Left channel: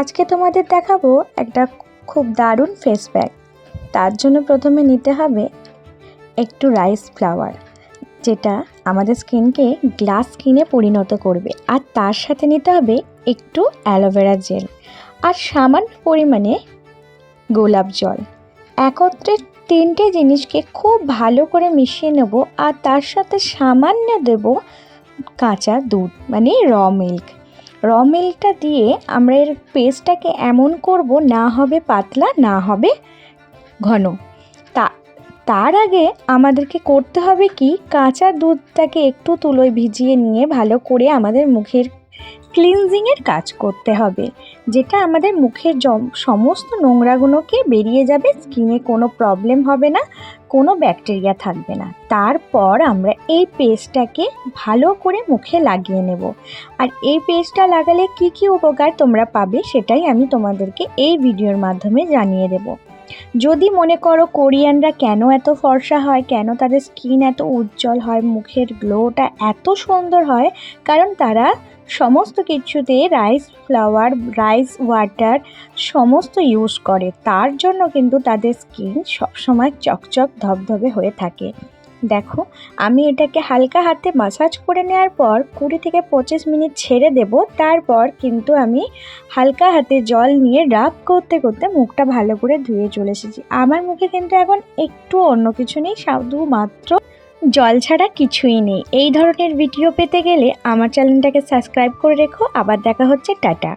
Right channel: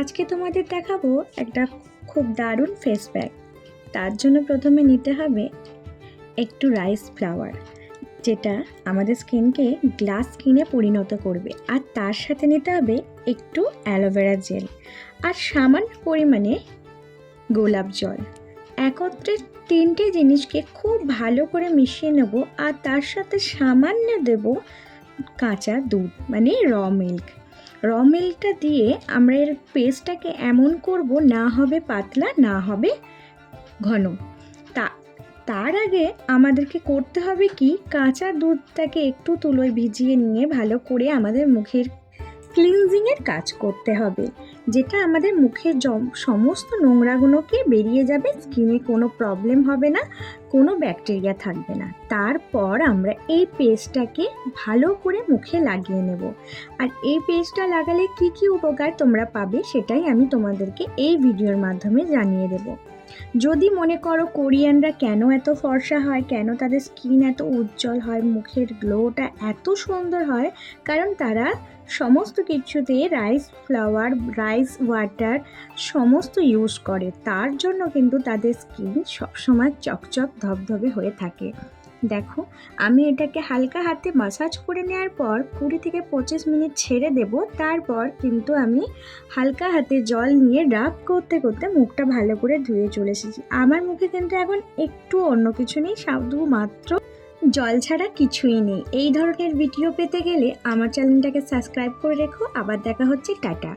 আজকে তোমাদের দেখাবো একটা খুব দারুণ ফেস প্যাক। তার জন্য প্রথমে নিতে হবে একটু রাইস ফ্লাওয়ার, যেটা আমাদের স্কিনকে গ্লাস স্কিনে পরিণত করবে। আর তার সাথে নিতে হবে একটু অ্যালোভেরা জেল আর সামান্য পরিমাণে গোলাপ জল। একত্রে তিনটে জিনিসকে খুব ভালো করে মিশিয়ে নেব। আর তার সাথে সামান্য দেব কাঁচা দুধ, মানে র মিল্কটা দিয়ে আমরা এর পেস্টটাকে এমন করব, না হবে পাতলা না হবে ঘন। তার আগে আমাদেরকে করতে হবে কি, কাঁচা দুধটাকে একটু তুলোয় ভিজিয়ে নিয়ে ভালো করে আমাদের মুখের ক্লিনজিংয়ের কাজ করতে হবে, যেটা আমাদের মুখের সমস্ত নোংরাগুলোকে বেরিয়ে যাবে। স্কিনে কোনো প্রবলেম হবে না, কোনো ব্যাকটেরিয়া থাকবে না। তারপর আমরা এই পেস্টটাকে ভালো করে মুখে লাগিয়ে নেব। আর এই পেস্টটা লাগালে কি কি উপকার তোমরা পাবে সেটাই আমি তোমাদেরকে এই ভিডিওর মাধ্যমে জানিয়ে দেব। যদি মনে করো কোরিয়ানরা কেন এত ফর্সা হয়, কেন তাদের স্কিন এত উজ্জ্বল হয়, মুখের গ্লোটা এত সুন্দর হয়, কারণ তারা সমস্ত কিছুতে রাইস ফ্লাওয়ার, রাইস ওয়াটার সমস্ত ইউজ করে। তার জন্য কিন্তু তাদের স্কিন সবসময় চকচক ধবধবে হয়ে থাকে। দেখো, আমি এটাকে হালকা হাতে মাসাজ করে নেওয়ার পর 20 থেকে 25 মিনিট ছেড়ে দেব। তারপর কিন্তু আমি হালকা হাতে জল নিয়ে রাব করতে করতে মুখটা ভালো করে ধুয়ে চলে এসেছি। আমার মুখে কিন্তু এখন একটু অন্য কিছু নেই, শুধুমাত্র জল ছাড়া কিছুই নেই। এই ধরনের ভিডিও পেতে গেলে আমার চ্যানেলটাকে সাবস্ক্রাইব করে রেখো। আবার দেখা হচ্ছে, টাটা।